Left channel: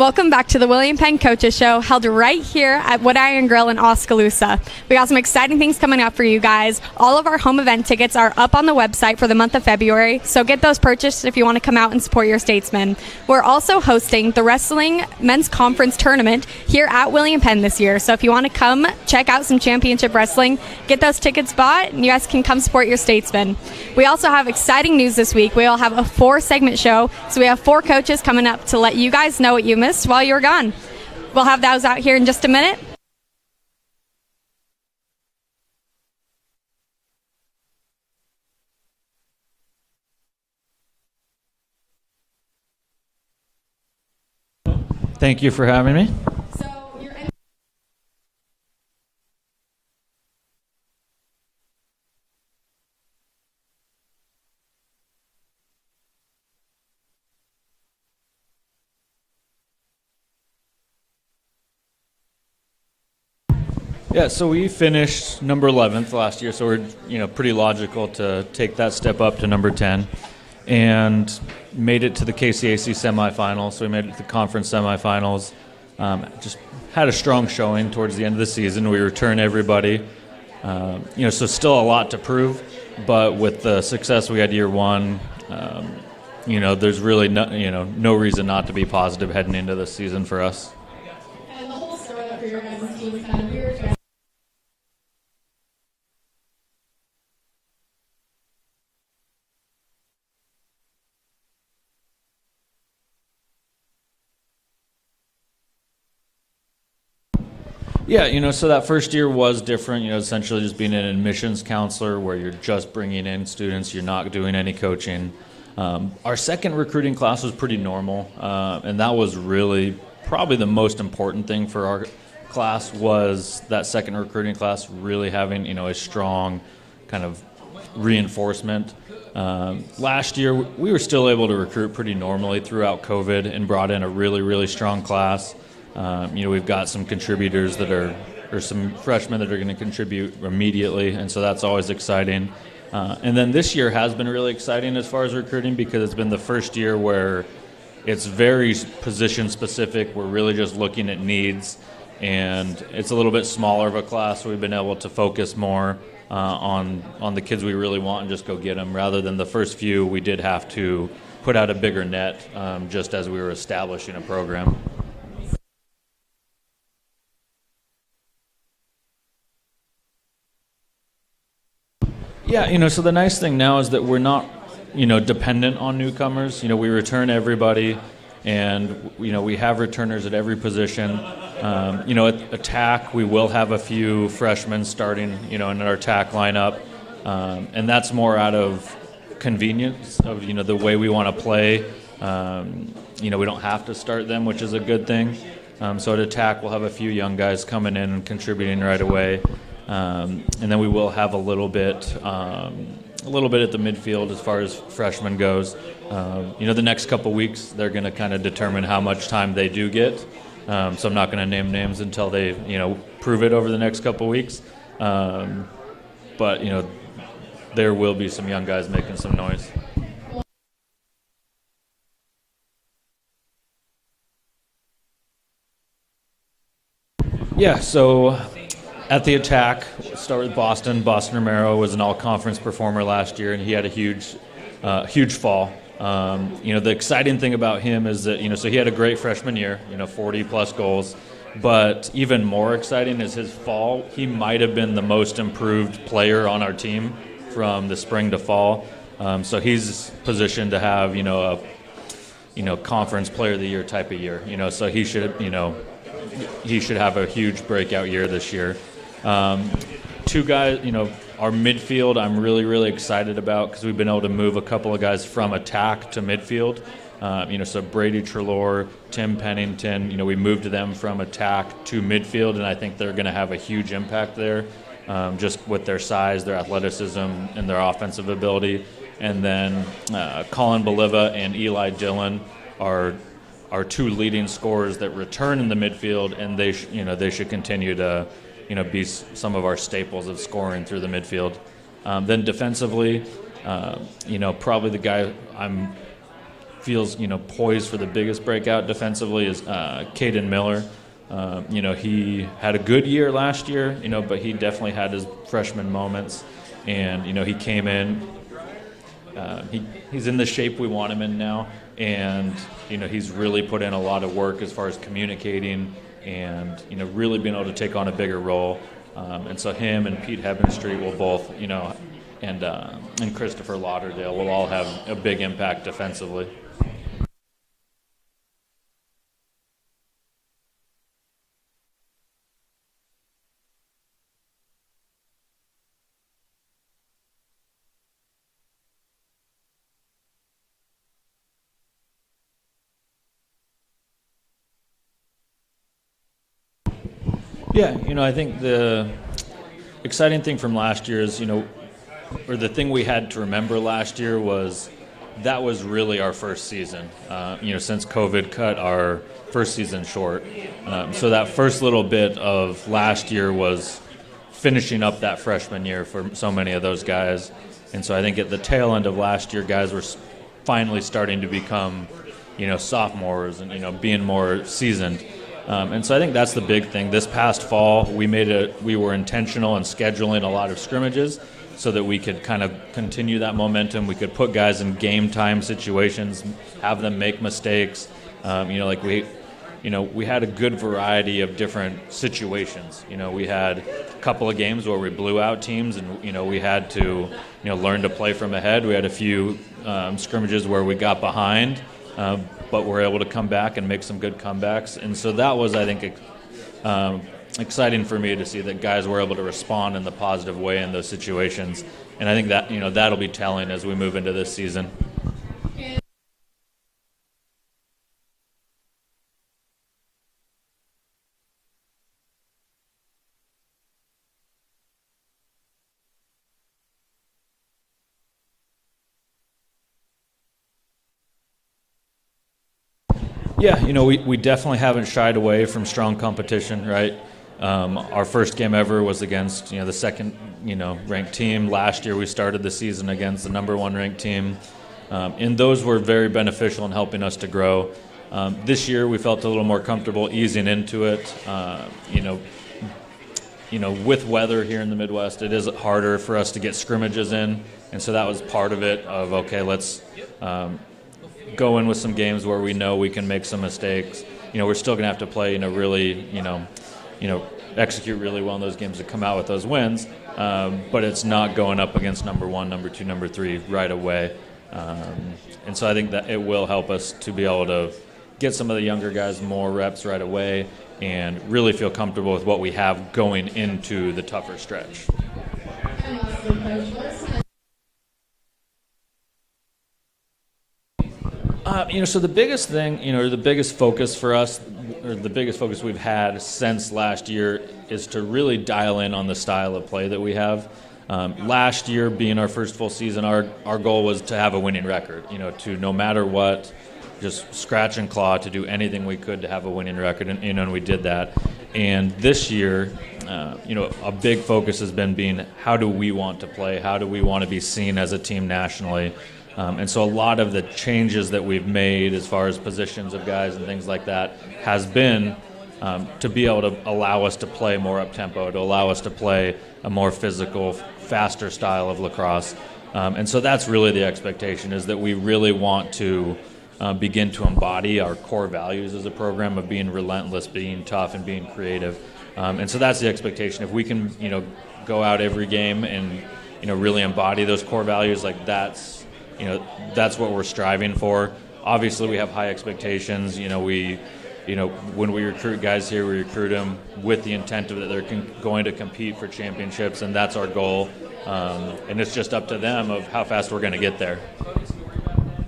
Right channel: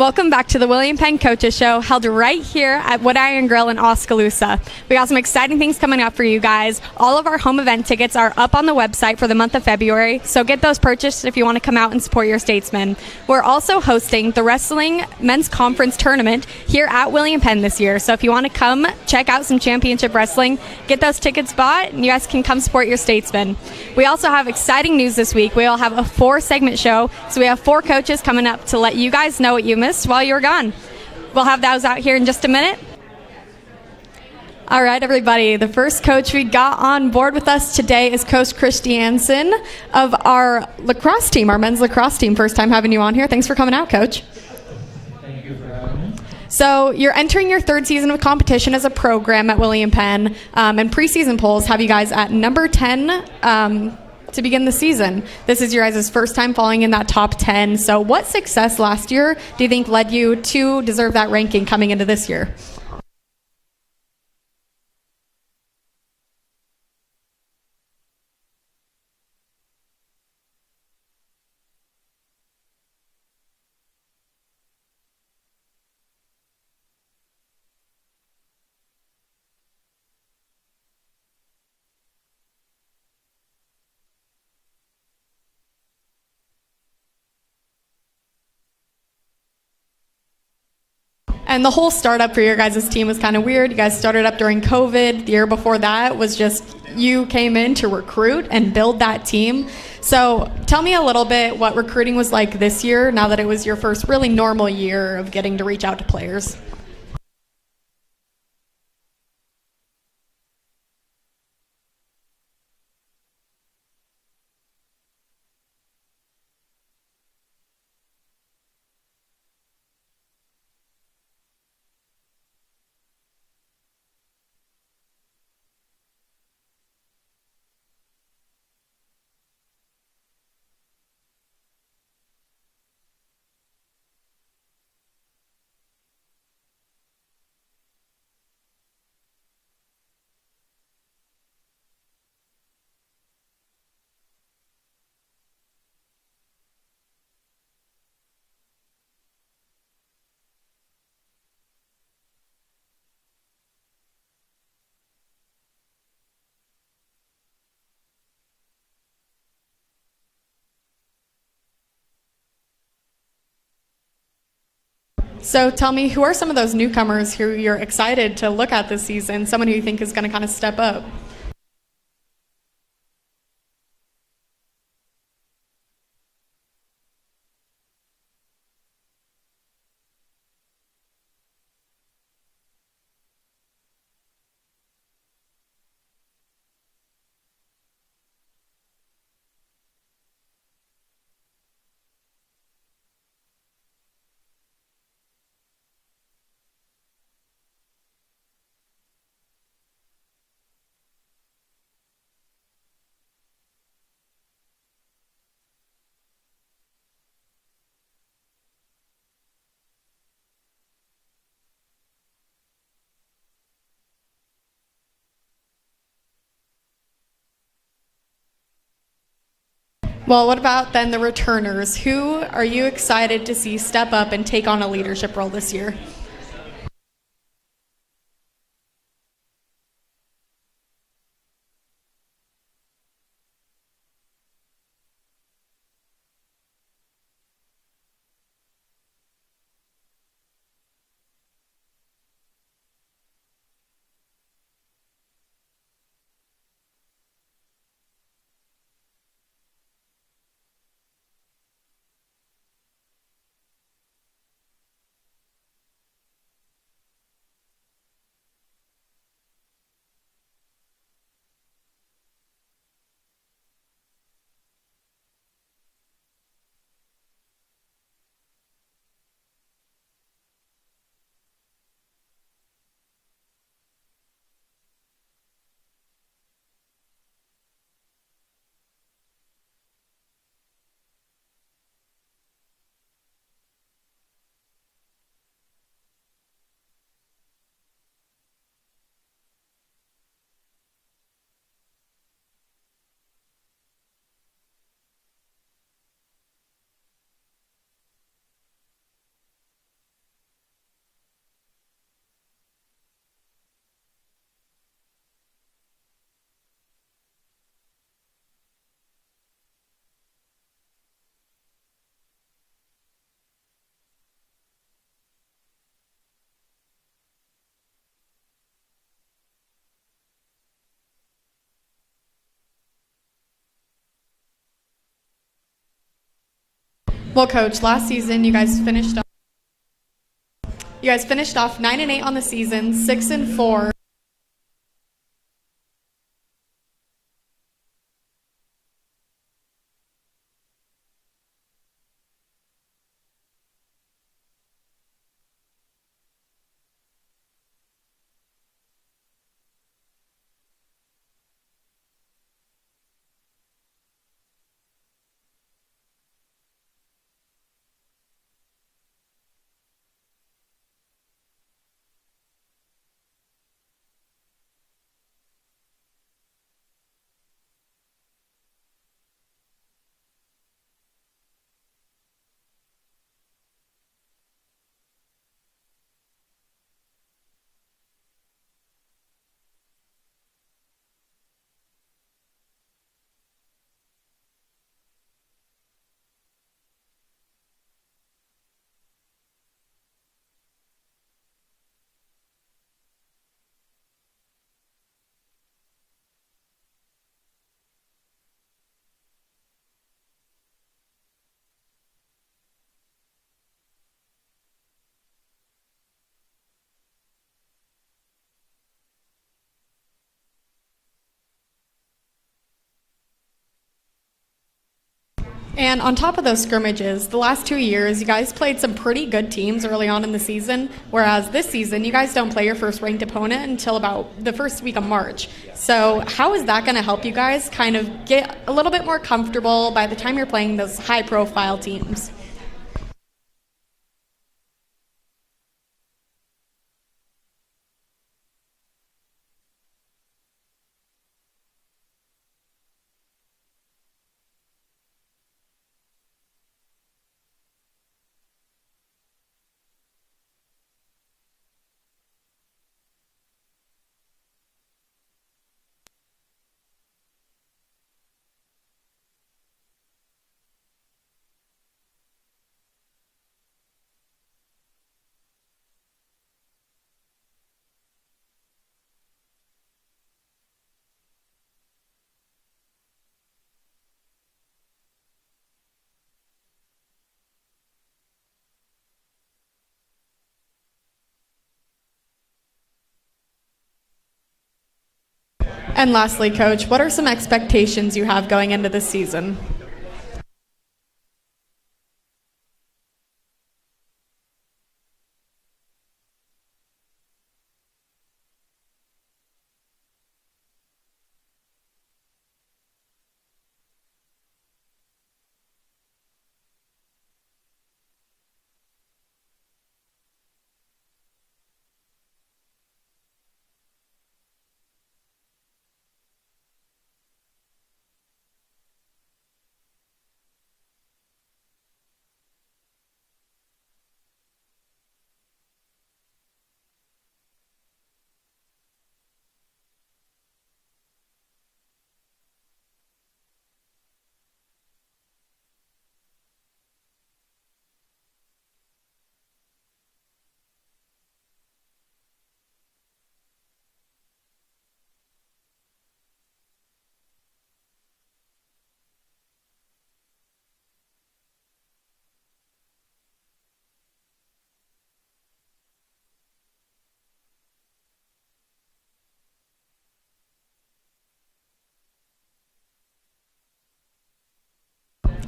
Welcome back to the William Penn Coaches Show, held right here at Wood Iron Grill in Oskaloosa. We got some exciting things coming up for you guys. All of our home event tickets are up on the website for the month of February, so get those purchased if you want to come out and support your statesmen. We're also hosting the Wrestling Men's Conference Tournament here at William Penn this year, so if you want to come check out some championship wrestling, get those tickets bought, and you guys can come support your statesmen. We also have exciting news this week. We'll have a 4-segment show, so we have 4 coaches coming up to let you guys know what you missed while you were gone. We'll have those out here in just a minute. All right, everybody. The first coach we got on board with us today is Coach Christiansen of our lacrosse team, our men's lacrosse team. First time having you on here. Thanks for coming out, Coach. Thank you for having me. So you're entering your 3rd season of competition as a program at William Penn, and preseason polls have you guys at number 10 to begin the season. This is your guys' first time falling in that top 10. So what success last year do you think led you to deserve that ranking coming into this year? Yeah, so we finished number 11th last year, so we're pretty logical to take that step up to number 10, and made it to the KCAC semifinals. So we made it to the conference semifinals. Just had a strong showing towards the end of the season. We return everybody. So still a lot to prove, but with the success we had year one, there's really no reason not to be positive heading into this season for us. And the whole startup for your guys' team was kind of weird. You guys started up during COVID. The year before that was just you came in to recruit and build that team. So tell me a little bit what recruiting was like this year, now that it was your first really normal year of getting to reach out to players. Yeah, so that first year was different, essentially just being an admissions counselor where you're just bringing in students, you're not doing any coaching. Our second recruiting class was pretty normal, and that was really probably the most important thing for our class was that second recruiting class really having, a strong kind of reinforcement. Last year, we were still able to recruit pretty normally throughout COVID and brought in a really, really strong class. We've got some contributors or some freshmen that are going to contribute immediately, and so that's always exciting. And then this year has been really exciting as far as recruiting because it's been the first year where it's very position specific. We're really just looking at needs, and it's a little bit smaller of a class, so we've been able to focus more on the kids we really want and just go get them, rather than the first few we did have to put out a bigger net just as we were establishing a program. So tell me, who are some of those newcomers who you're excited to look at this season, someone who you think is going to kind of step up? Yeah, so the nice thing now is that we're not, dependent on newcomers. We return everybody, and, we have returners at every position. At attack, we will have a few freshmen starting, in our attack lineup, and that's more out of convenience of, the way we want to play. We don't have to start them, which is a good thing. So at attack, we'll have a few young guys coming in and contributing right away. And then we will have a little bit at the midfield as far as freshmen goes. The next couple weeks, they're going to kind of determine how much time they do get. So I'm not going to name names until they, prove it over the next couple weeks. But there will be some young guys making some noise. Well, what about then the returners? Who are you excited to see step up and take on a leadership role this year? Yeah, so at the attack, start with Boston. Boston Romero was an all-conference performer last year, and he had a huge fall. The exciting thing about him is that, so he had a great freshman year, 40-plus goals. But even more exciting is his fall. He might have been the most improved player on our team from the spring to fall. So he's positioned to have, a conference player of the year type of year, so he should have a huge breakout year this year. 2 guys, our midfield I'm really, really excited about because we've been able to move a couple of guys from attack to midfield. So Brady Trelaw, Tim Pennington, we moved them from attack to midfield, and I think they're going to have a huge impact there, just with their size, their athleticism, and their offensive ability. And then Colin Boliva and Eli Dillon are 2 leading scorers that return in the midfield, and they should continue to be some of our staples of scoring through the midfield. Then defensively, probably the guy I'm feels, poised for the biggest breakout defensively is Caden Miller. He had a good year last year, but he definitely had his freshman moments. And, he came in. He's in the shape we want him in now. And, he's really put in a lot of work as far as communicating and, really being able to take on a bigger role. And so him and Pete Hebenstreet will both, and Christopher Lauderdale will all have a big impact defensively. Well, Coach, last season you guys finished off 9-8 on the season, 6-4. Yeah, I think the exciting thing from last year is, or the thing we had to remember last year was that was really our first season, since COVID cut our first season short. So that first little bit of last year was finishing up that freshman year for so many of those guys. And so I think at the tail end of last year, guys were finally starting to become, sophomores and, being more seasoned. And so I think that's the big thing. This past fall, we were intentional in scheduling a lot of scrimmages so that we could kind of continue that momentum. We could put guys in game time situations, have them make mistakes. We had a good variety of different situations. We had a couple of games where we blew out teams, and we had to learn to play from ahead. We had a few scrimmages where we got behind, but we're able to come back and make some good comebacks. And so that was, I think, exciting for me to see that guys were able to respond in the positive way in those situations. And I think that, that'll be telling as we move into this season. And on top of those scrimmages, the last 2 years, you guys played some pretty good teams early on in the season, whereas this season, you guys don't play your first ranked opponent until about the first week of March. So how is that going to help you guys kind of get a little bit more comfortable by the time you're playing those high-profile teams? Yeah, we definitely haven't shied away from strong competition, right? Our first game ever was against, the second, ranked team. Last year we started the season against the number 1 ranked team. And those were very beneficial in helping us to grow. This year we felt a little more comfortable easing into it. With weather here in the Midwest, it is harder for us to get scrimmages in. And so that was part of it of, okay, let's go in with some games where we know we can make some mistakes. We're still going to have to play, really, execute really well in those games to come out with those wins. But it's not going up against number 1, number 2, number 3 right away. And so I think that it will help us to be able to get some of the younger guys more reps right away and really feel comfortable with what we have going into the tougher stretch. And lastly, Coach, what are some expectations you have going into this season? So the biggest thing, the biggest focus for us, or the biggest focus we've had since last year is to really dial in on the style of play that we have. Last year, being our first full season, our goal was to have a winning record, to no matter what, just scratch and claw to do anything we could to have a winning record, and we did that. And this year, a big focus has been how do we want to play? How do we want to be seen as a team nationally? And so a lot of the changes that we've made as far as positions of guys and things like that has been to be able to allow us to play more up-tempo, to allow us to play a more physical, faster style of lacrosse. And so that's really the expectation, is that we really want to begin to embody our core values as a program of being relentless, being tough, and being creative. And so that's the expectation. If we can, go out every game and, really embody those core values, like that's what we're striving for. Obviously, we have high expectations. When we recruit guys here, we recruit them with the intent of that they're going to compete for championships, and that's our goal. And it's just up to them of how fast we're going to get there.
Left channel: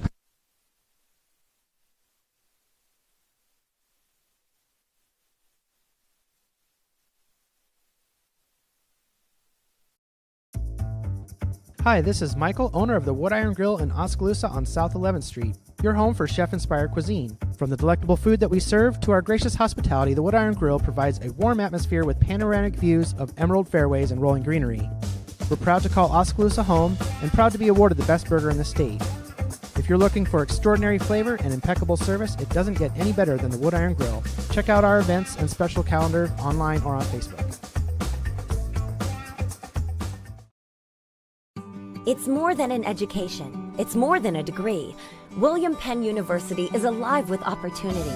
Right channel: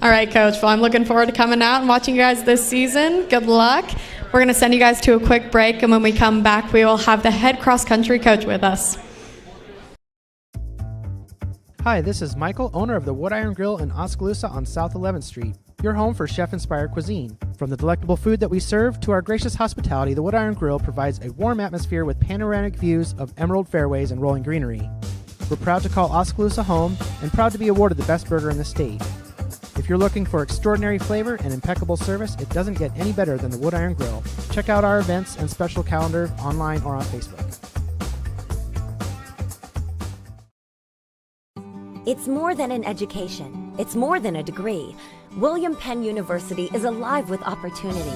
All right, Coach. Well, I'm looking forward to coming out and watching you guys this season. Good luck. We're going to send you guys to a quick break, and when we come back, we will have the head cross-country coach with us. Hi, this is Michael, owner of the Wood Iron Grill in Oskaloosa on South 11th Street. Your home for chef-inspired cuisine. From the delectable food that we serve to our gracious hospitality, the Wood Iron Grill provides a warm atmosphere with panoramic views of emerald fairways and rolling greenery. We're proud to call Oskaloosa home and proud to be awarded the best burger in the state. If you're looking for extraordinary flavor and impeccable service, it doesn't get any better than the Wood Iron Grill. Check out our events and special calendar online or on Facebook. It's more than an education. It's more than a degree. William Penn University is alive with opportunity.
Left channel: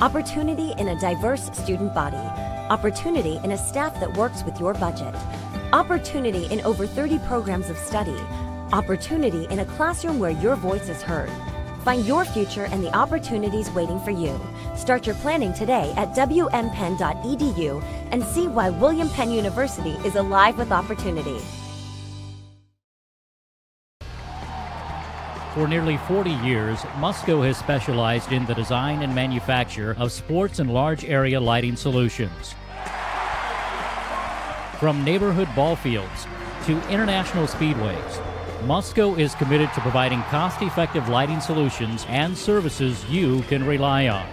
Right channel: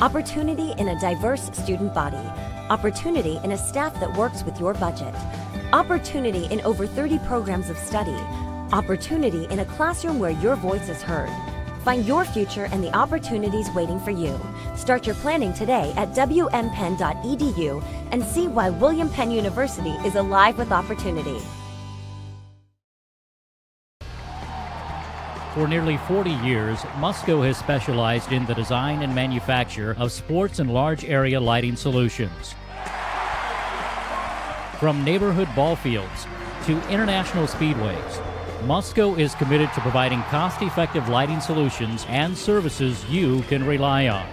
Opportunity in a diverse student body. Opportunity in a staff that works with your budget. Opportunity in over 30 programs of study. Opportunity in a classroom where your voice is heard. Find your future and the opportunities waiting for you. Start your planning today at wmpenn.edu and see why William Penn University is alive with opportunity. For nearly 40 years, Musco has specialized in the design and manufacture of sports and large area lighting solutions. From neighborhood ball fields to international speedways, Musco is committed to providing cost-effective lighting solutions and services you can rely on.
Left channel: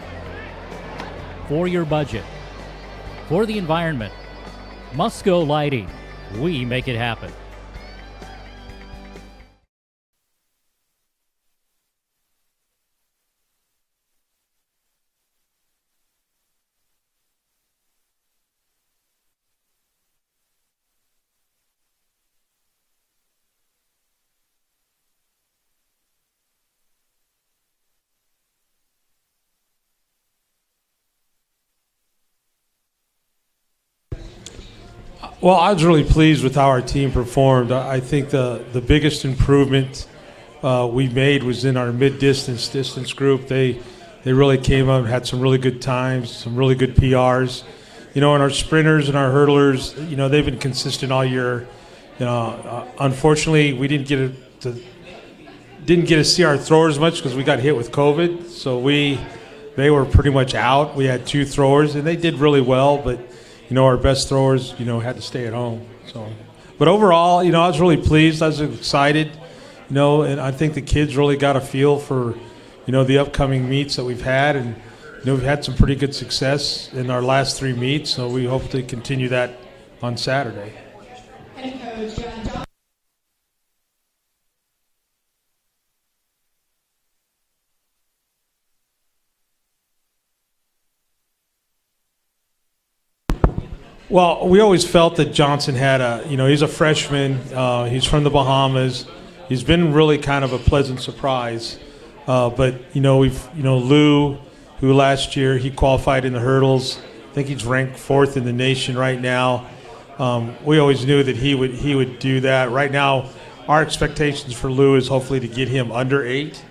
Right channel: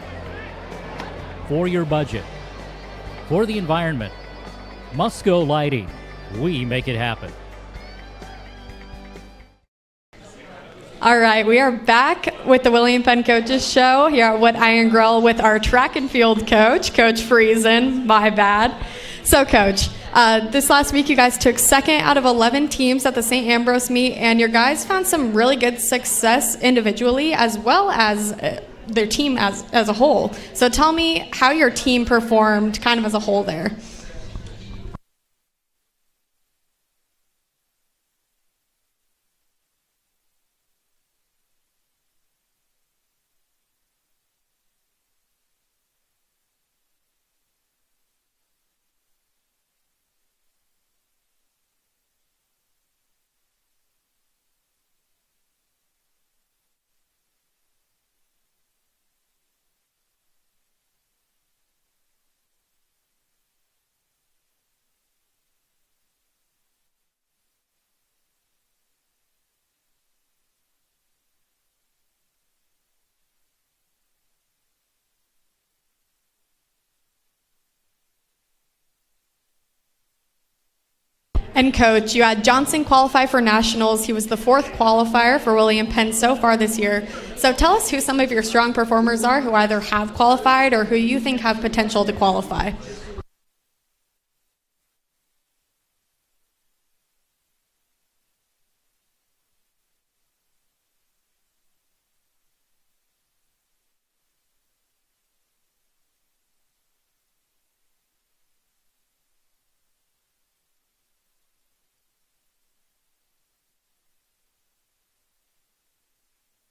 For your budget, for the environment, Musco Lighting, we make it happen. All right, we are back with the William Penn Coaches Show here at Wood Iron Grill with our track and field coach, Coach Friesen. My bad. So, Coach, this last week you guys took second out of 11 teams at the St. Ambrose meet, and your guys found some really good success individually as well as their team as a whole. So tell me how your team performed kind of as a whole there. Well, I was really pleased with how our team performed. I think the biggest improvement we made was in our distance group. They really came up and had some really good times, some really good PRs. You know, and our sprinters and our hurdlers, you know, they've been consistent all year. You know, unfortunately, we didn't get to see our throwers much because we got hit with COVID. So they were pretty much out. We had 2 throwers, and they did really well. But you know, our best throwers, you know, had to stay at home. So, but overall, you know, I was really pleased. I was excited. You know, and I think the kids really got a feel for, you know, the upcoming meets that we've had, and you know, we've had some pretty good success in our last 3 meets, so we hope to continue that on Saturday. And Coach, you had Johnson qualify for nationals. He was the 4th qualifier for William Penn so far this year. So tell us who some of your strong performers are who either have qualified or who you think have potential to qualify. Well, we always felt that Johnson had he's a freshman. He's from the Bahamas. He's been really kind of a pleasant surprise. But, you know, Lou, who last year he qualified in the hurdles. I think he's ranked 4th in the nation right now. We always knew that he would do that. Right now, our expectations for Lou is hopefully to get him under 8.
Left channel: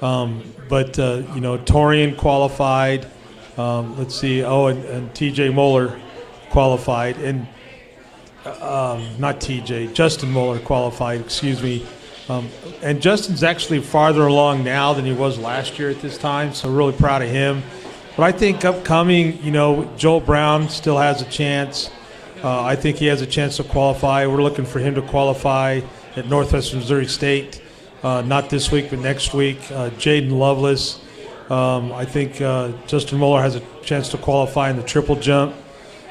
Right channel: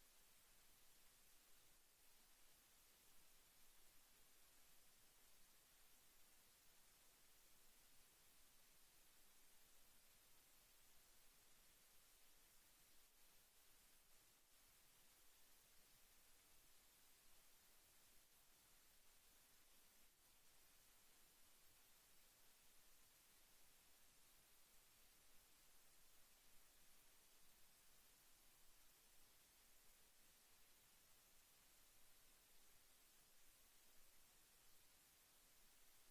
But you know, Torian qualified. Let's see. Oh, and T.J. Moeller qualified, and not T.J. Justin Moeller qualified. Excuse me. And Justin's actually farther along now than he was last year at this time, so really proud of him. But I think upcoming, you know, Joel Brown still has a chance. I think he has a chance to qualify. We're looking for him to qualify at Northwestern Missouri State, not this week, but next week. Jaden Lovelace. I think Justin Moeller has a chance to qualify in the triple jump.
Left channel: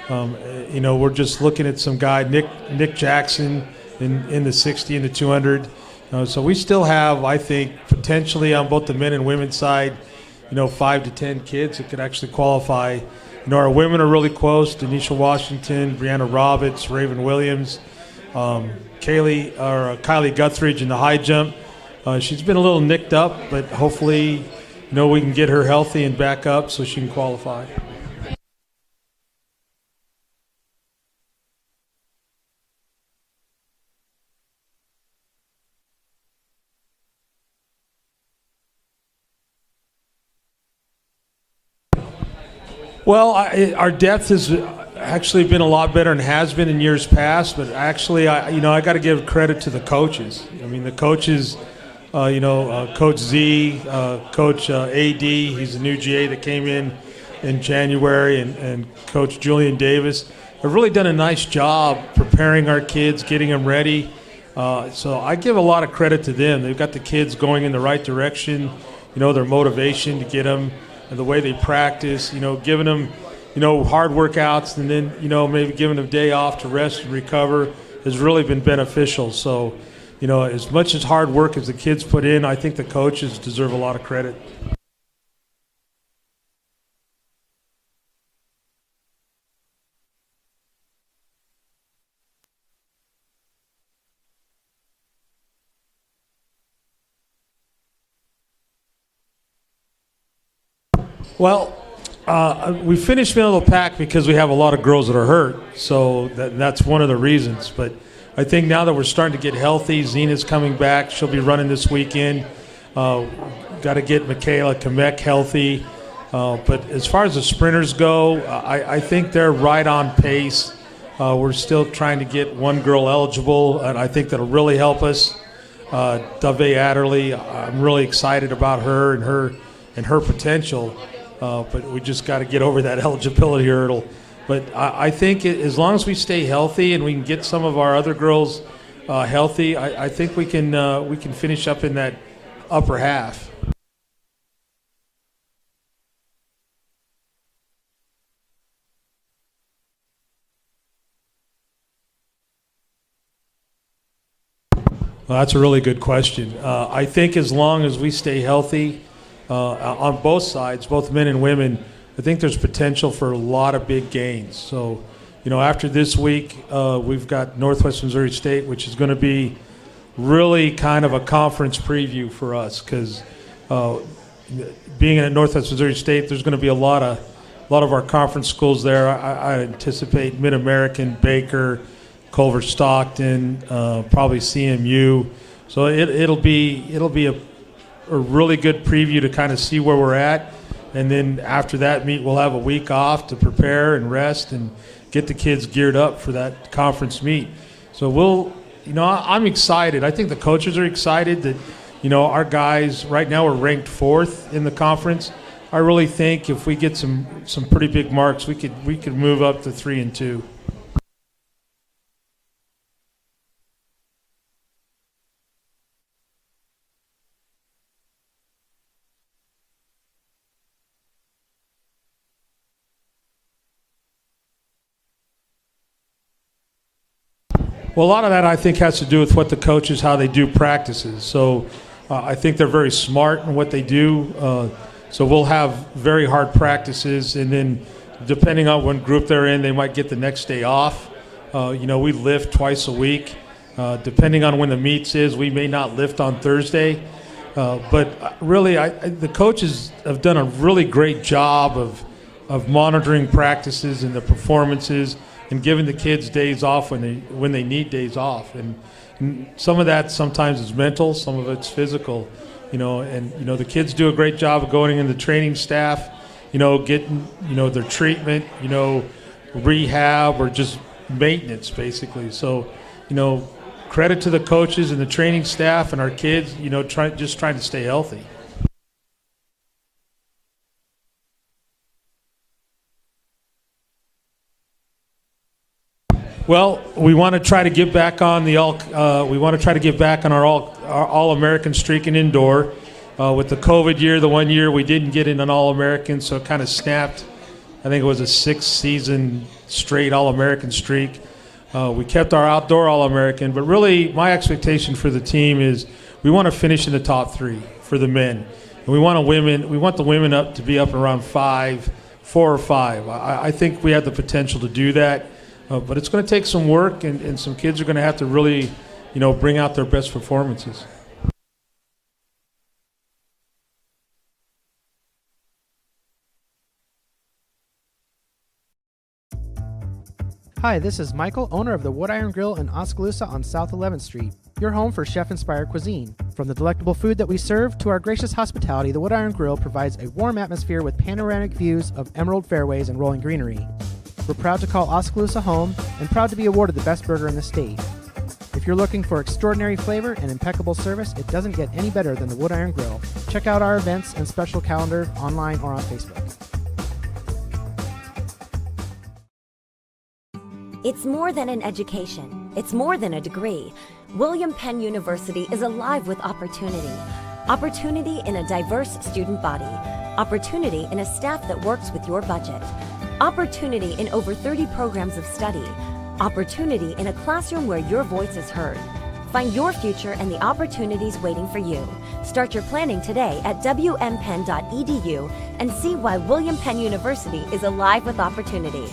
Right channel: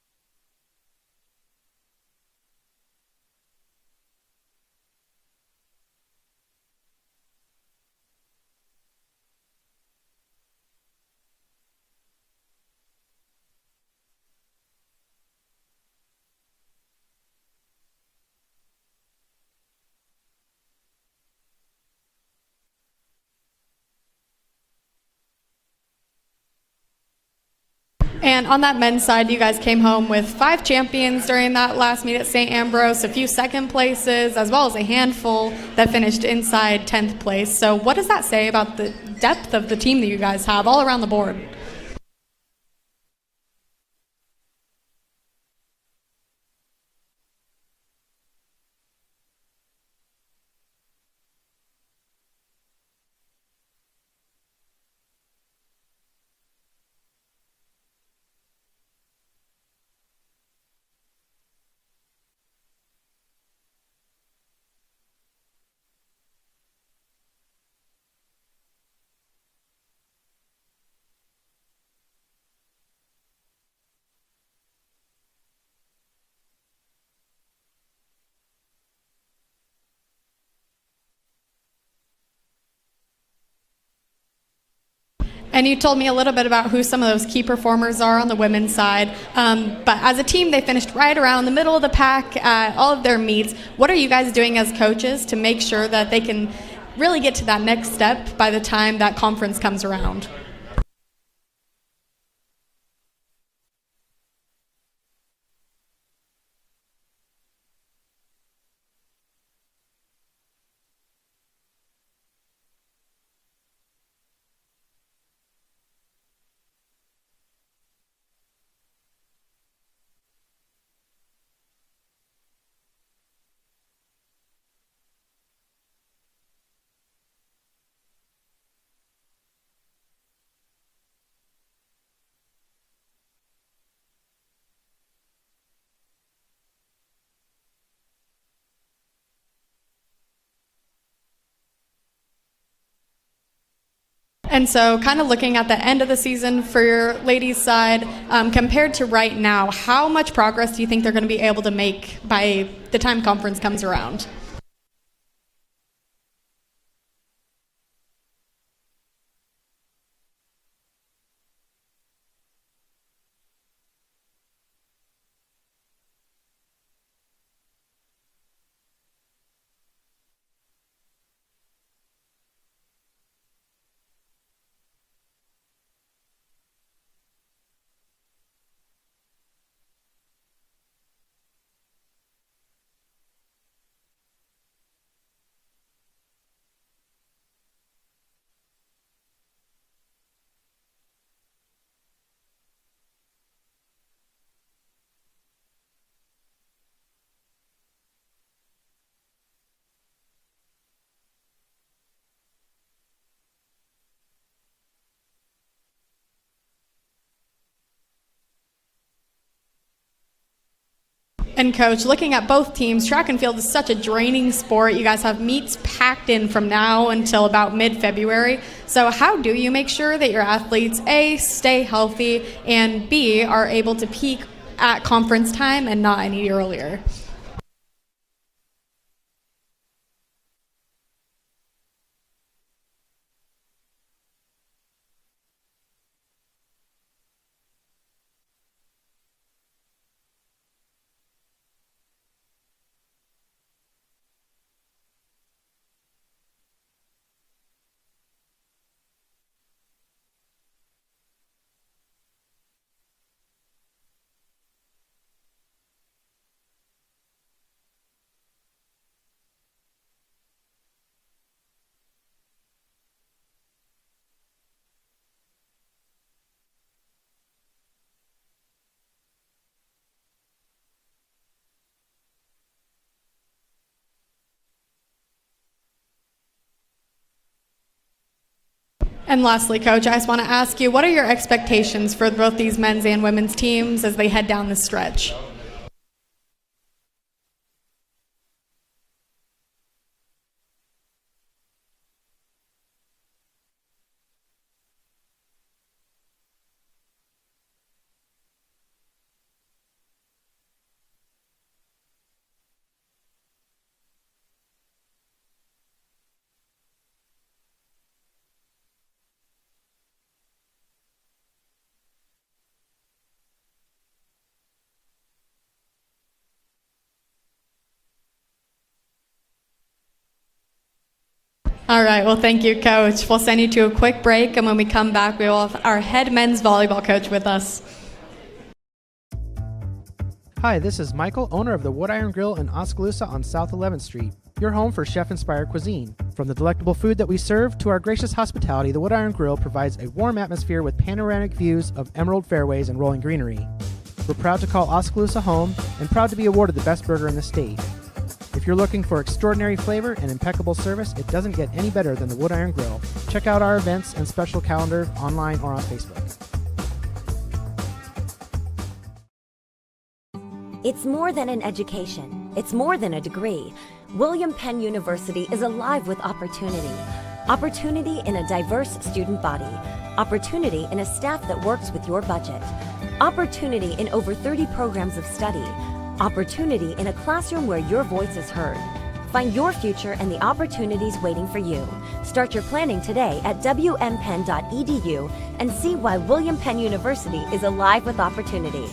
You know, we're just looking at some guy, Nick Jackson, in the 60 and the 200. So we still have, I think, potentially on both the men and women's side, you know, 5 to 10 kids that could actually qualify. You know, our women are really close. Denisha Washington, Brianna Roberts, Raven Williams, Kylie Guthridge in the high jump. She's been a little nicked up, but hopefully, you know, we can get her healthy and back up so she can qualify. And on that men's side, you guys came home with 5 champions during that last meet at St. Ambrose, a few second places, as well as a handful that finished inside 10th place. So what does that say about the depth of the team that you guys have all around the board? Well, our depth has actually been a lot better and has been in years past, but actually, I got to give credit to the coaches. I mean, the coaches, Coach Z, Coach AD, he's a new GA that came in January, and Coach Julian Davis have really done a nice job preparing our kids, getting them ready. So I give a lot of credit to them. They've got the kids going in the right direction, you know, their motivation to get them, and the way they practice, you know, giving them, you know, hard workouts, and then, you know, maybe giving them a day off to rest and recover has really been beneficial. So, as much as hard work as the kids put in, I think the coaches deserve a lot of credit. And you told me a little bit about who some of those key performers are on the women's side. But as a team, they finished right around the middle of the pack at all of their meets. What are you guys doing as coaches to make sure that they can really get to that next step by the time that conference comes around? Well, we finished middle of the pack because we have a lot of girls that are hurt. So that's one of the reasons. But I think now that we're starting to get healthy, Zena's coming back. She'll be running this weekend. Got to get Michaela Kamek healthy. But as far as the sprinters go, I think they're right on pace. We're still trying to get one girl eligible, and I think that'll really help us. Dove Adderley, I'm really excited about her and her potential. But we just got to get over that eligibility hurdle. But I think as long as we stay healthy and we can get some of our other girls healthy, I think we can finish up in that upper half. And so kind of looking at the end of the season for your ladies' side, compared to right now, how much progress do you think they're going to be able to make by the time conference comes around? Well, that's a really good question. I think as long as we stay healthy on both sides, both men and women, I think there's potential for a lot of big gains. So, after this week, we've got Northwest Missouri State, which is going to be really kind of a conference preview for us because being at Northwest Missouri State, there's going to be a lot of our conference schools there. I anticipate Mid-American, Baker, Culver Stockton, probably CMU. So it'll be a really good preview to kind of see where we're at. And then after that meet, we'll have a week off to prepare and rest and get the kids geared up for that conference meet. So I'm excited. I think the coaches are excited that, our guys right now are ranked 4th in the conference. I really think if we get some pretty big marks, we could move up to 3 and 2. And Coach, looking at both teams, track and field is such a draining sport. You guys have meets packed in from now until about mid-February. So how do you make sure that your athletes, A, stay healthy, and B, are able to peak at conference time and not any earlier? Well, a lot of that I think has to do with what the coaches, how they do practices. So I think they're very smart in what they do. So we'll have very hard practices, and then depending on what group they're in, they might get the next day off. We lift twice a week. Depending on when the meets is, we may not lift on Thursday. But really, the coaches have done a really great job of monitoring practices and the performances and giving the kids days off when they need days off. And some of that sometimes is mental, some of it's physical. The kids do a great job of going in the training staff, getting, their treatment, rehab or just maintenance basically. So, credit to the coaches and the training staff and our kids, trying to stay healthy. And lastly, Coach, I just want to ask you, what are your expectations for both these men's and women's teams as they head down the stretch? Well, we want to try to get back on our All-American streak in indoor. With the COVID year, the one year we didn't get in an All-American, so it kind of snapped. I think it was a 6-season straight All-American streak. We kept our outdoor All-American, but really my expectation for the team is we want to finish in the top 3 for the men. And we want the women up to be up around 4 or 5. I think we have the potential to do that. But it's going to take some work, and some kids are going to have to really, bring out their best performances. All right. Well, thank you, Coach. We'll send you to a quick break, and when we come back, we will have our head men's volleyball coach with us. Hi, this is Michael, owner of the Wood Iron Grill in Oskaloosa on South 11th Street, your home for chef-inspired cuisine. From the delectable food that we serve to our gracious hospitality, the Wood Iron Grill provides a warm atmosphere with panoramic views of emerald fairways and rolling greenery. We're proud to call Oskaloosa home and proud to be awarded the best burger in the state. If you're looking for extraordinary flavor and impeccable service, it doesn't get any better than the Wood Iron Grill. Check out our events and special calendar online or on Facebook. It's more than an education. It's more than a degree. William Penn University is alive with opportunity. Opportunity in a diverse student body. Opportunity in a staff that works with your budget. Opportunity in over 30 programs of study. Opportunity in a classroom where your voice is heard. Find your future and the opportunities waiting for you. Start your planning today at wmpenn.edu and see why William Penn University is alive with opportunity.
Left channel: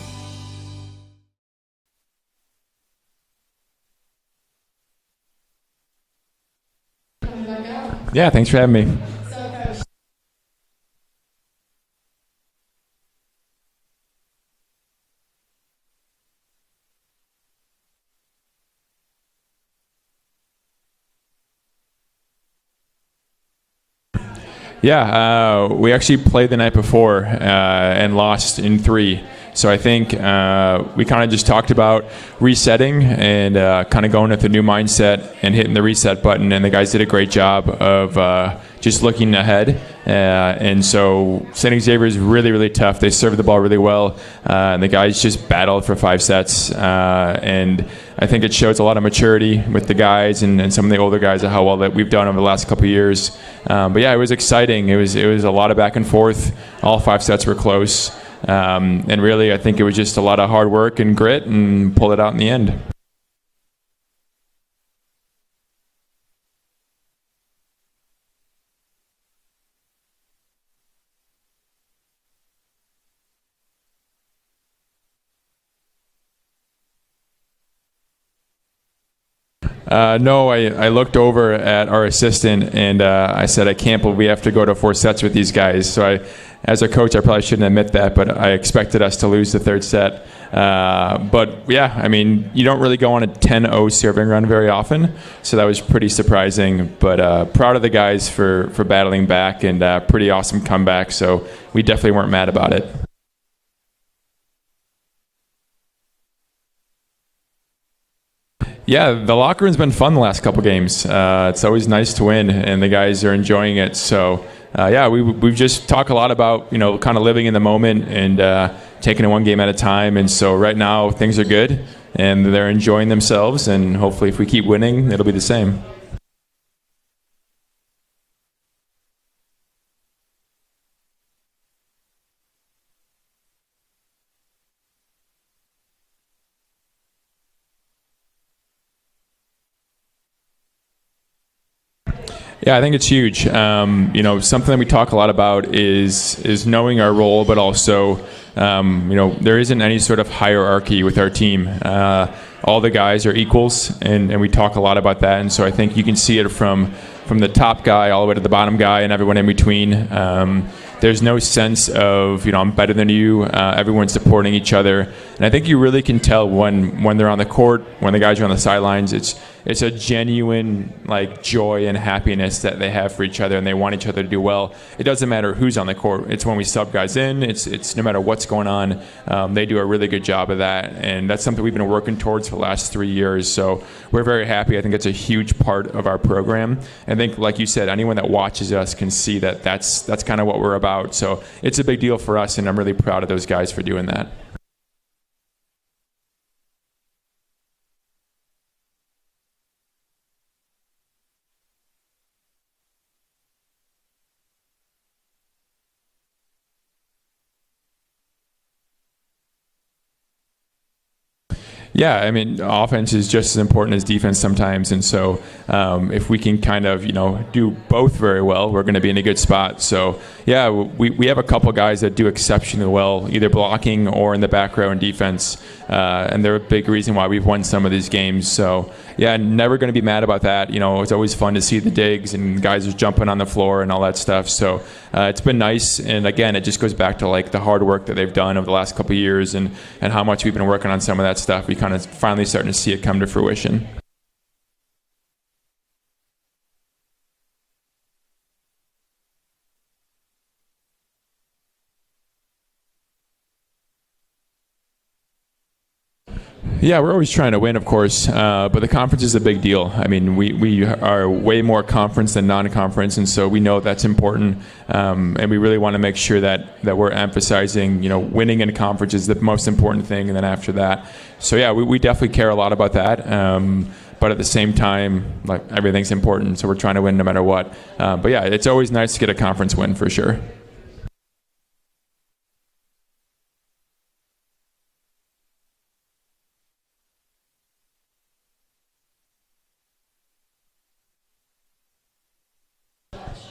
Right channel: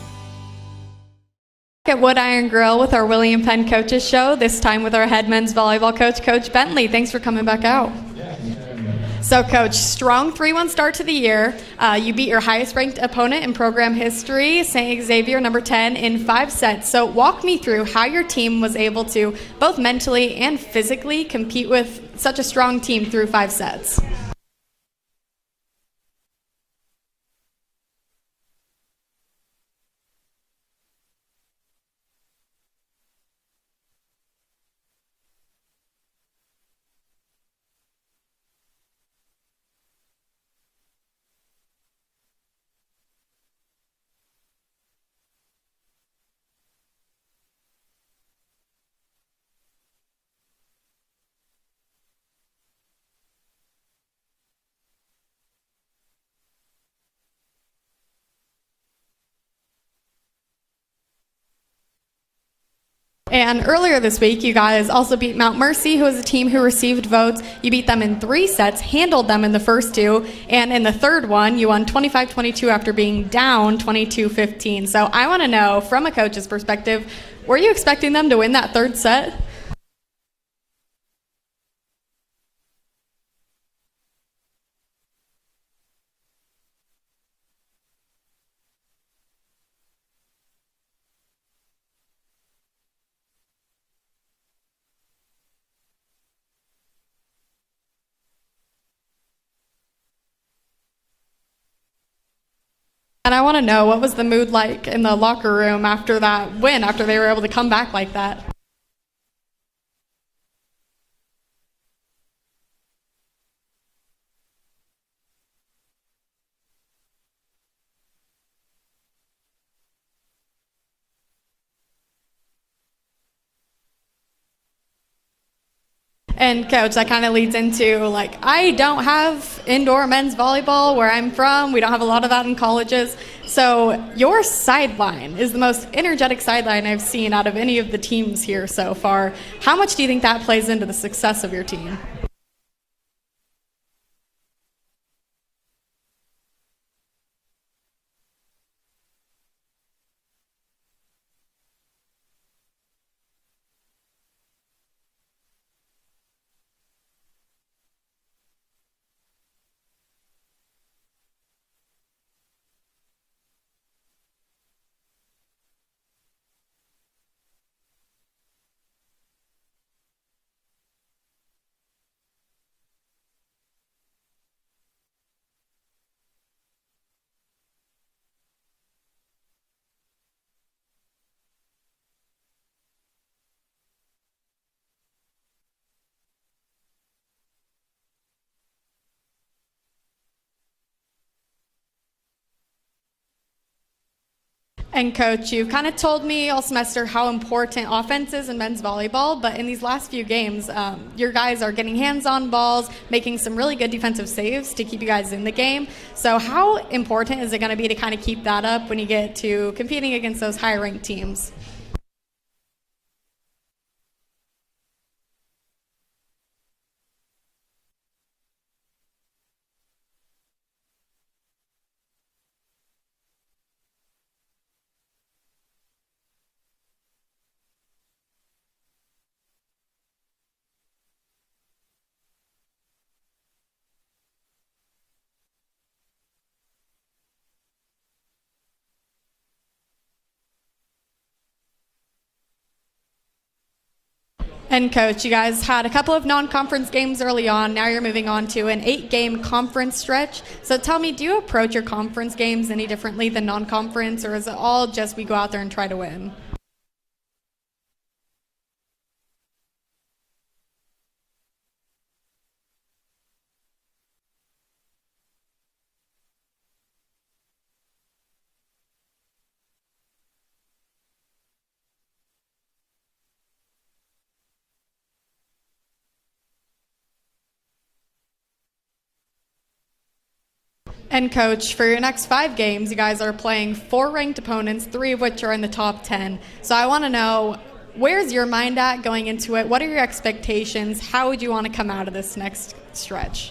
At Wood Iron Grill with our William Penn Coaches Show, this time with our head men's volleyball coach, Coach Bentley. Thanks for coming back out. Yeah, thanks for having me. So, Coach, strong 3-1 start to the year. You beat your highest-ranked opponent in program history, St. Xavier, number 10, in 5 sets. So walk me through how your team was able to both mentally and physically compete with such a strong team through 5 sets. Yeah, we actually played the night before and lost in 3. So I think we kind of just talked about resetting and kind of going with a new mindset and hitting the reset button. And the guys did a great job of just looking ahead. And so St. Xavier is really, really tough. They serve the ball really well. And the guys just battled for 5 sets. And I think it shows a lot of maturity with the guys and some of the older guys of how well that we've done over the last couple of years. But yeah, it was exciting. It was a lot of back and forth. All 5 sets were close. And really, I think it was just a lot of hard work and grit and pulled it out in the end. And earlier this week, you guys also beat Mount Mercy, who was a team who received votes. You beat them in 3 sets, handled them in the first 2, and in the third one, you won 25-22 after being down 22-15. So I want to know, from a coach's perspective, were you expecting them to win that third set? No, I looked over at our assistant and I said, I can't believe we have to go to 4 sets with these guys. So as a coach, I probably shouldn't admit that, but I expected us to lose the third set. But yeah, I mean, you don't really go on a 10-0 serving run very often, so that was pretty surprising. But proud of the guys for battling back and pretty awesome comeback, so we definitely weren't mad about it. And I want to know, what was the mood like in the locker room after that win, after they were able to come back like that? Yeah, the locker room's been fun the last couple games. It's always nice to win, and the guys are enjoying it. So, yeah, we've just talked a lot about, kind of living in the moment and taking it one game at a time. And so right now things are good, and they're enjoying themselves. And hopefully if we keep winning, it'll be the same. And Coach, that kind of leads into, I don't have indoor men's volleyball where I'm from. We don't have a lot of that in colleges. So your sideline is the most energetic sideline I've seen out of any of the teams here so far. How much do you think that plays into the success of your team? Yeah, I think it's huge. Something that we talk a lot about is knowing our role, but also, there isn't any sort of hierarchy with our team. All the guys are equals, and we talk a lot about that. And so I think you can see it from the top guy all the way to the bottom guy and everyone in between. There's no sense of, I'm better than you. Everyone's supporting each other. And I think you really can tell when they're on the court, when the guys are on the sidelines, it's a genuine joy and happiness that they have for each other, and they want each other to do well. It doesn't matter who's on the court. It's when we sub guys in. It's no matter what's going on. They do a really good job of that, and that's something we've been working towards for the last 3 years. So we're very happy. I think it's a huge part of our program. I think, like you said, anyone that watches us can see that that's kind of what we're about. So it's a big deal for us, and I'm really proud of those guys for doing that. And Coach, you've kind of told me all semester how important offense is in men's volleyball, but in these last few games, your guys are getting hands on balls, making some really good defensive saves to keep you guys in the game. So how important is it going to be to kind of keep that up when you get to competing against those higher-ranked teams? Yeah, I mean, offense is just as important as defense sometimes, and so if we can kind of, do both very well, we're going to be in a good spot. So, yeah, we have a couple guys that do exceptionally well, either blocking or in the back row in defense, and they're a big reason why we've won some of these games. So, yeah, never going to be mad about that. It's always fun to see the digs and guys are jumping on the floor and all that stuff. So it's been nice, and again, it just goes back to the hard work that they've done over the last couple of years and how much we've been working on some of that stuff. We kind of finally starting to see it come to fruition. And Coach, you guys had a couple of non-conference games early on. Now you're moving on to an 8-game conference stretch. So tell me, do you approach your conference games any differently than non-conference, or is it all just we go out there and try to win? Yeah, we're always trying to win, of course, but the conference is a big deal. I mean, we are way more conference than non-conference, and so we know that's important, and we really want to make sure that we're emphasizing, winning in conference is the most important thing, and then after that. So, yeah, we definitely care a lot about that. But at the same time, everything's important, so we're trying to win no matter what. But yeah, it's always nice to get a conference win for sure. And Coach, for your next 5 games, you guys are playing 4 ranked opponents, 3 of which are in the top 10. So I want to know, Where's your mind at going into it? What are your expectations? How would you want to come out of this next stretch?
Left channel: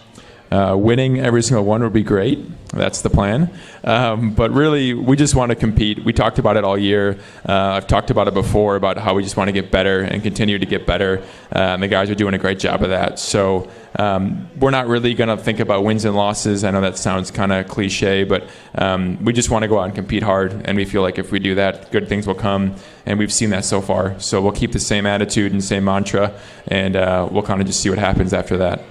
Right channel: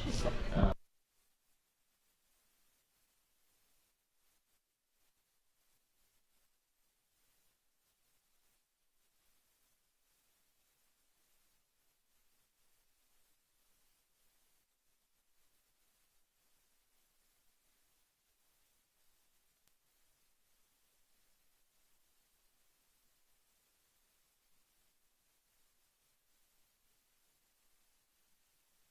Winning every single one would be great. That's the plan. But really, we just want to compete. We talked about it all year. I've talked about it before, about how we just want to get better and continue to get better. And the guys are doing a great job of that. So we're not really going to think about wins and losses. I know that sounds kind of cliche, but we just want to go out and compete hard. And we feel like if we do that, good things will come. And we've seen that so far. So we'll keep the same attitude and same mantra, and we'll kind of just see what happens after that.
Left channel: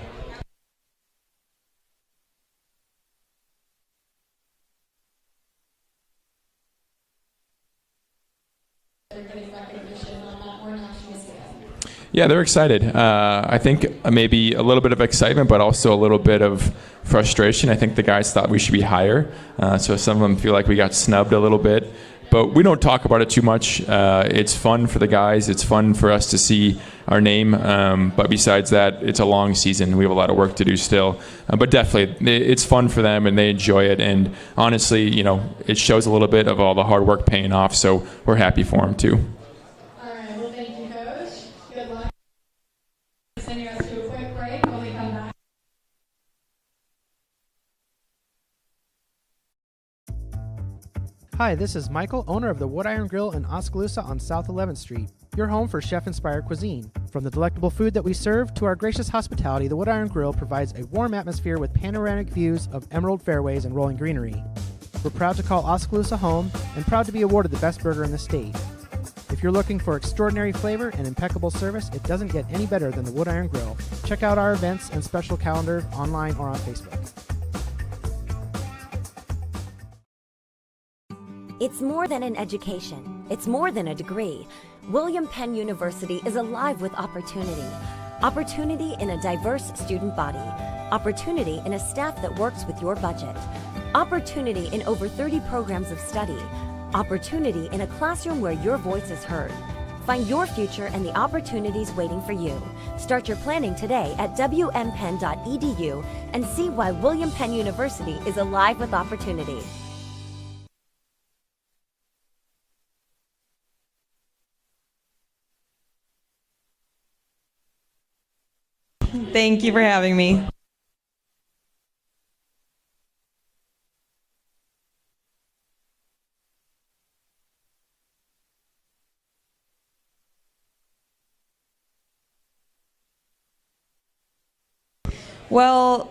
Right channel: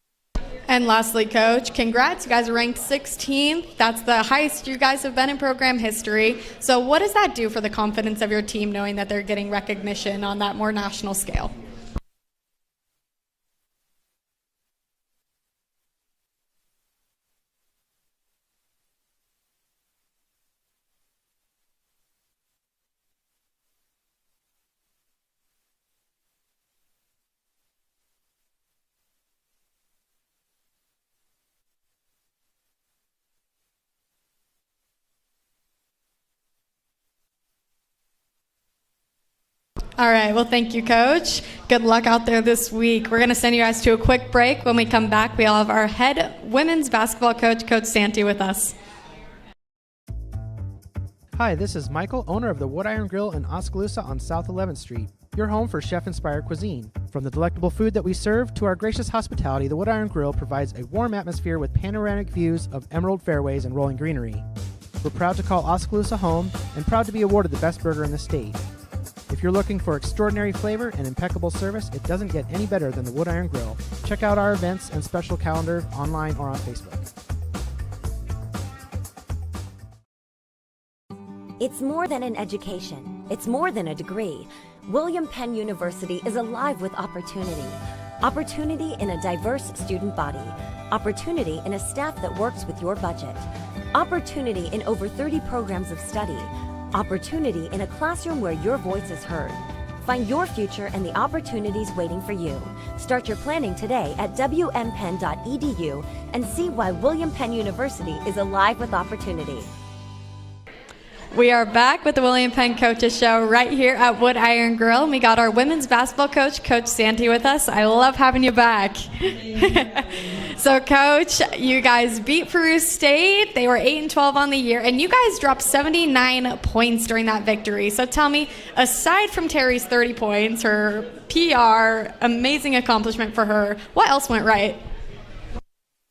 And lastly, Coach, congrats. You guys are ranked 16th. That's the highest you guys have been in program history. So what does that do for the confidence of your team, knowing that they're getting recognition on that more national scale? Yeah, they're excited. I think maybe a little bit of excitement, but also a little bit of frustration. I think the guys thought we should be higher. So some of them feel like we got snubbed a little bit. But we don't talk about it too much. It's fun for the guys. It's fun for us to see our name. But besides that, it's a long season. We have a lot of work to do still. But definitely, it's fun for them, and they enjoy it. And honestly, it shows a little bit of all the hard work paying off. So we're happy for them, too. All right. Well, thank you, Coach. Good luck out there this week. We're going to send you guys to a quick break. When we come back, we all have our head women's basketball coach, Coach Santi, with us. Hi, this is Michael, owner of the Wood Iron Grill in Oskaloosa on South 11th Street, your home for chef-inspired cuisine. From the delectable food that we serve to our gracious hospitality, the Wood Iron Grill provides a warm atmosphere with panoramic views of emerald fairways and rolling greenery. We're proud to call Oskaloosa home and proud to be awarded the best burger in the state. If you're looking for extraordinary flavor and impeccable service, it doesn't get any better than the Wood Iron Grill. Check out our events and special calendar online or on Facebook. It's more than an education. It's more than a degree. William Penn University is alive with opportunity. Opportunity in a diverse student body. Opportunity in a staff that works with your budget. Opportunity in over 30 programs of study. Opportunity in a classroom where your voice is heard. Find your future and the opportunities waiting for you. Start your planning today at wmpenn.edu and see why William Penn University is alive with opportunity. We are back with the William Penn Coaches Show right here at Wood Iron Grill. We got our women's basketball coach, Coach Santi, with us. I love having you back. Thank you for having me. So, Coach, you guys beat Peru State. They were 8-12 on the year, and you guys dropped 79 points during that victory. So tell me, aside from Terry's 30 points, her PR, amazing accomplishment for her, what else went right? Well,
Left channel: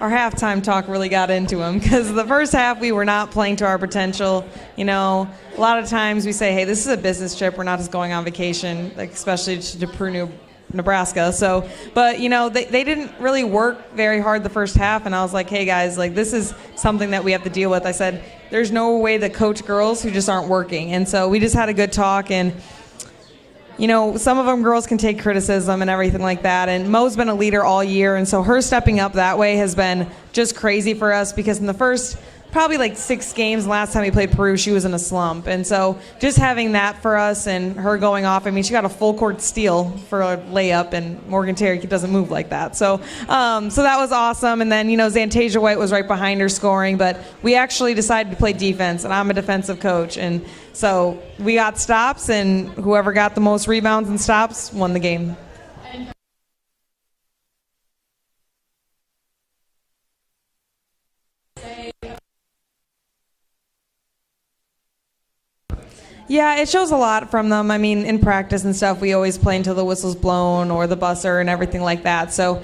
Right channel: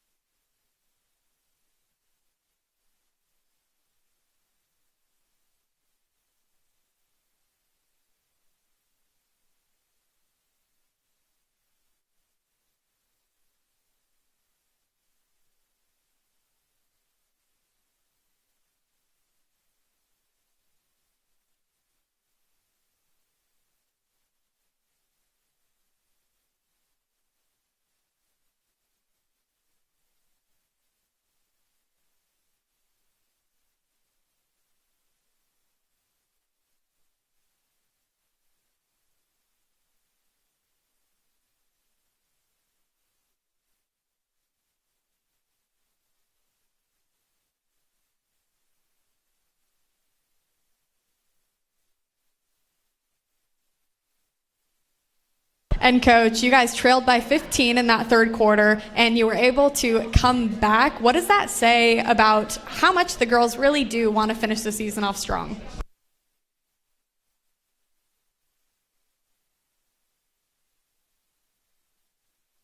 our halftime talk really got into him because the first half we were not playing to our potential. A lot of times we say, hey, this is a business trip. We're not just going on vacation, like especially to Peru, Nebraska. So, but they didn't really work very hard the first half, and I was like, hey guys, like this is something that we have to deal with. I said, there's no way to coach girls who just aren't working, and so we just had a good talk. And some of them girls can take criticism and everything like that. And Mo's been a leader all year. And so her stepping up that way has been just crazy for us because in the first probably like 6 games last time we played Peru, she was in a slump. And so just having that for us and her going off, I mean, she got a full court steal for a layup, and Morgan Terry doesn't move like that. So so that was awesome. And then, Zantasia White was right behind her scoring, but we actually decided to play defense, and I'm a defensive coach. And so we got stops, and whoever got the most rebounds and stops won the game. And Coach, you guys trailed by 15 in that third quarter, and you were able to come back. What does that say about how much the girls really do want to finish the season off strong? Yeah, it shows a lot from them. I mean, in practice and stuff, we always play until the whistle's blown or the buzzer and everything like that. So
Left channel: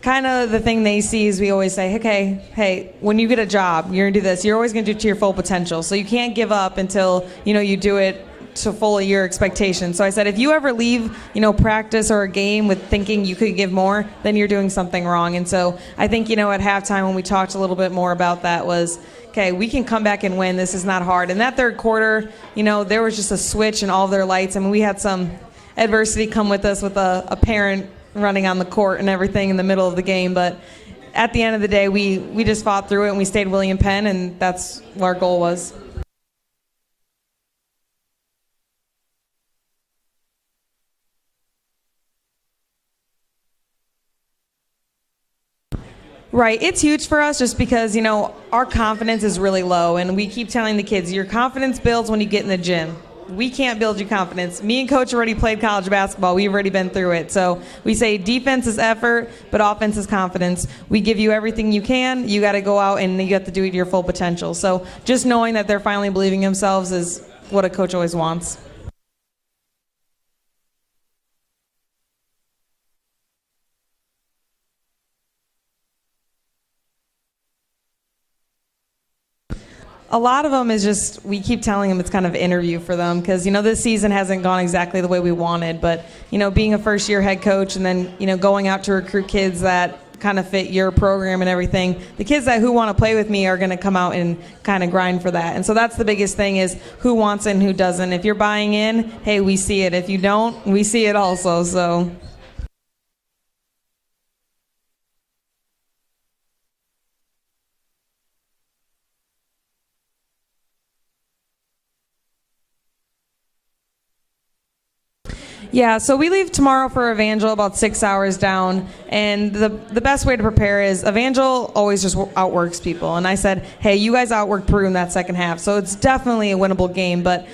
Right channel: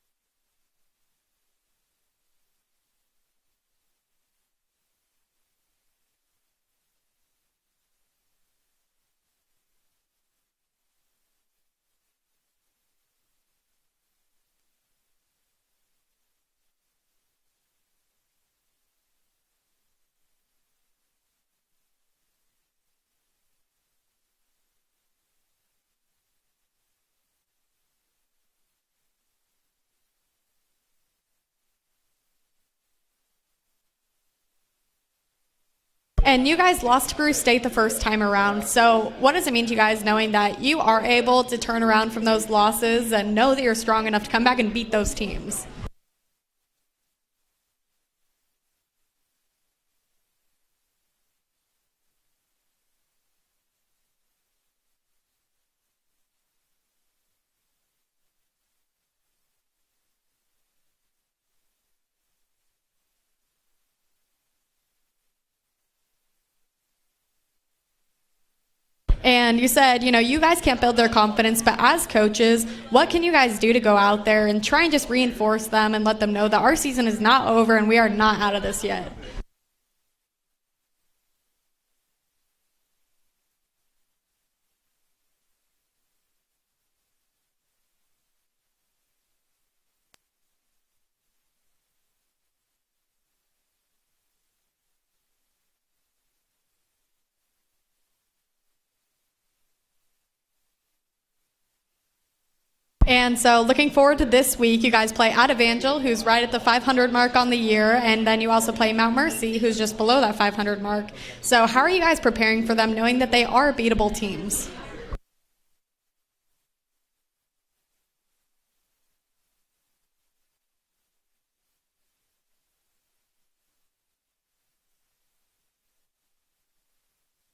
kind of the thing they see is we always say, okay, hey, when you get a job, you're going to do this. You're always going to do it to your full potential. So you can't give up until, you do it to fully your expectations. So I said, if you ever leave, practice or a game with thinking you could give more, then you're doing something wrong. And so I think, at halftime when we talked a little bit more about that was, okay, we can come back and win. This is not hard. In that third quarter, there was just a switch in all of their lights. I mean, we had some adversity come with us with a parent running on the court and everything in the middle of the game. But at the end of the day, we just fought through it, and we stayed William Penn, and that's what our goal was. And you guys lost to Peru State the first time around. So what does it mean to you guys knowing that you are able to turn around from those losses and know that you're strong enough to come back and beat those teams? Right. It's huge for us just because, our confidence is really low. And we keep telling the kids, your confidence builds when you get in the gym. we can't build you confidence. Me and Coach already played college basketball. We've already been through it. So we say defense is effort, but offense is confidence. We give you everything you can. You got to go out and you have to do it to your full potential. So just knowing that they're finally believing in themselves is what a coach always wants. And you said, you guys can't build their confidence, but as coaches, what can you guys do to go out there and try and just reinforce them and let them know that our season is not over and we are not out of this yet? A lot of them is just, we keep telling them it's kind of an interview for them because, this season hasn't gone exactly the way we wanted. But, being a first-year head coach and then, going out to recruit kids that kind of fit your program and everything, the kids who want to play with me are going to come out and kind of grind for that. And so that's the biggest thing is who wants it and who doesn't. If you're buying in, hey, we see it. If you don't, we see it also. And so looking forward to this week, you guys play at Evangel, who's right at the 500 mark on the year, and then you also play Mount Mercy, who's just below that 500 mark. So how are you guys preparing for them, knowing that they are beatable teams? Yeah, so we leave tomorrow for Evangel about 6 hours down, and the best way to prepare is Evangel always just outworks people. And I said, hey, you guys outworked Peru in that second half, so it's definitely a winnable game. But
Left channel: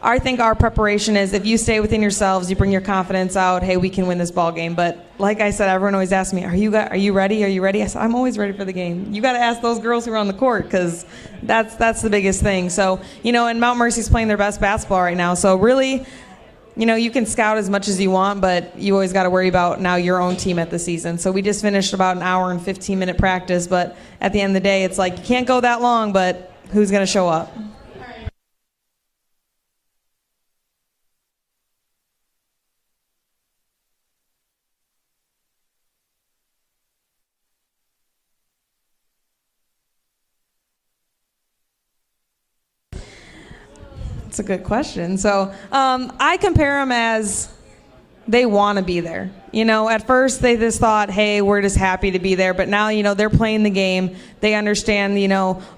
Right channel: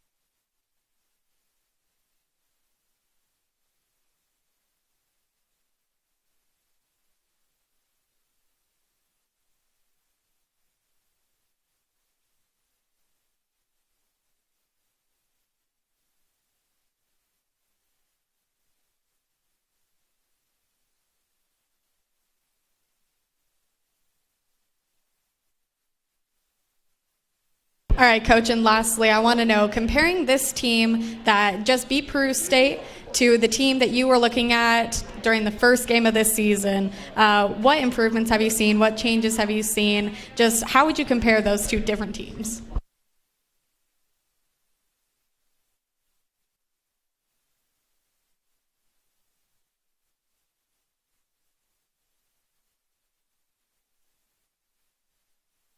I think our preparation is if you stay within yourselves, you bring your confidence out, hey, we can win this ball game. But like I said, everyone always asks me, are you ready? Are you ready? I said, I'm always ready for the game. You got to ask those girls who are on the court because that's the biggest thing. So, and Mount Mercy's playing their best basketball right now. So really, you can scout as much as you want, but you always got to worry about now your own team at the season. So we just finished about an hour and 15-minute practice, but at the end of the day, it's like you can't go that long, but who's going to show up? All right, Coach, and lastly, I want to know, comparing this team that just beat Peru State to the team that you were looking at during the first game of this season, what improvements have you seen? What changes have you seen? Just how would you compare those two different teams? That's a good question. So I compare them as they want to be there. At first they just thought, hey, we're just happy to be there. But now, they're playing the game. They understand,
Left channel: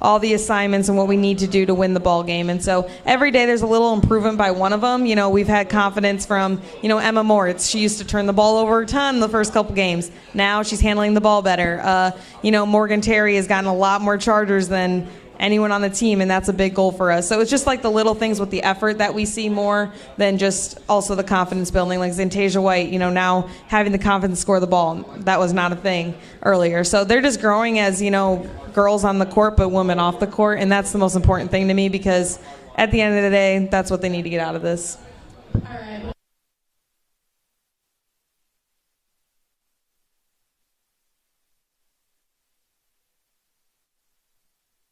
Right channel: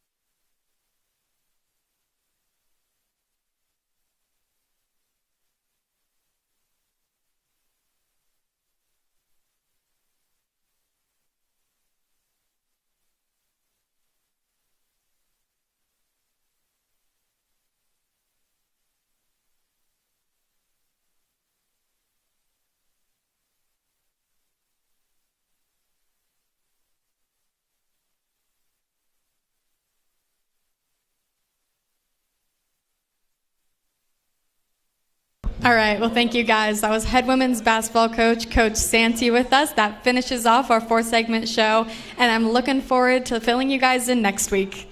all the assignments and what we need to do to win the ball game. And so every day there's a little improvement by one of them. We've had confidence from, Emma Moritz. She used to turn the ball over a ton the first couple games. Now she's handling the ball better. Morgan Terry has gotten a lot more chargers than anyone on the team, and that's a big goal for us. So it's just like the little things with the effort that we see more than just also the confidence building. Like Zantasia White, now having the confidence to score the ball, that was not a thing earlier. So they're just growing as, girls on the court but women off the court, and that's the most important thing to me because at the end of the day, that's what they need to get out of this. All right, well, thank you guys. That was head women's basketball coach, Coach Santi, with us. That finishes off our 4-segment show, and I'm looking forward to filling you guys in next week.